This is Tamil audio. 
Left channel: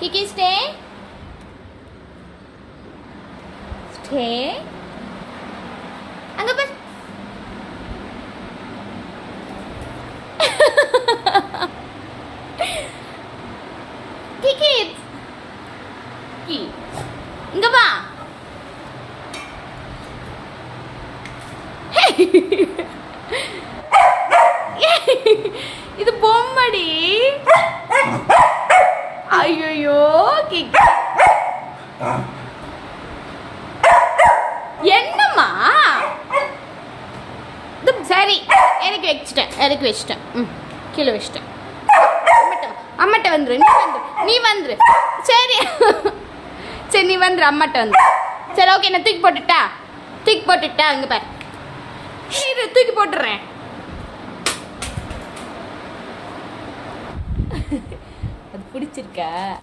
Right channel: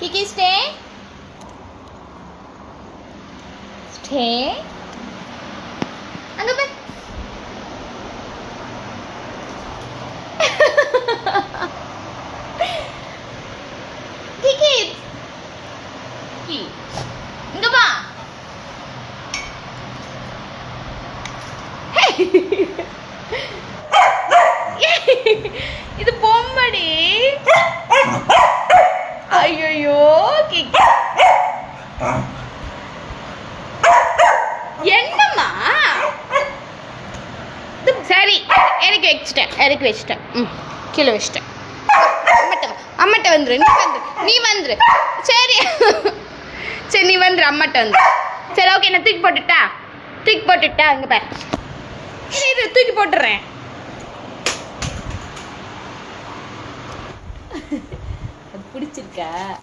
Kiki, stay. Stay. அங்க பாரு. Kiki. Kiki. இங்க வா. இது பொம்மடி. ஐயோ கிக்கி. என்னம்மா சரி இறக்கி வச்சிட்டேன் கீழே வச்சிட்டேன். அம்மாட்ட வந்துரு நீ வந்துரு சரி சரி நீ வந்துரு அம்மாட்ட வந்துரு. சரி ஓகே நான் தூக்கி போட்டுட்டா அங்கே பாரு. இரு தூக்கி போட்டுறேன். அது பிடிச்சிருக்கா?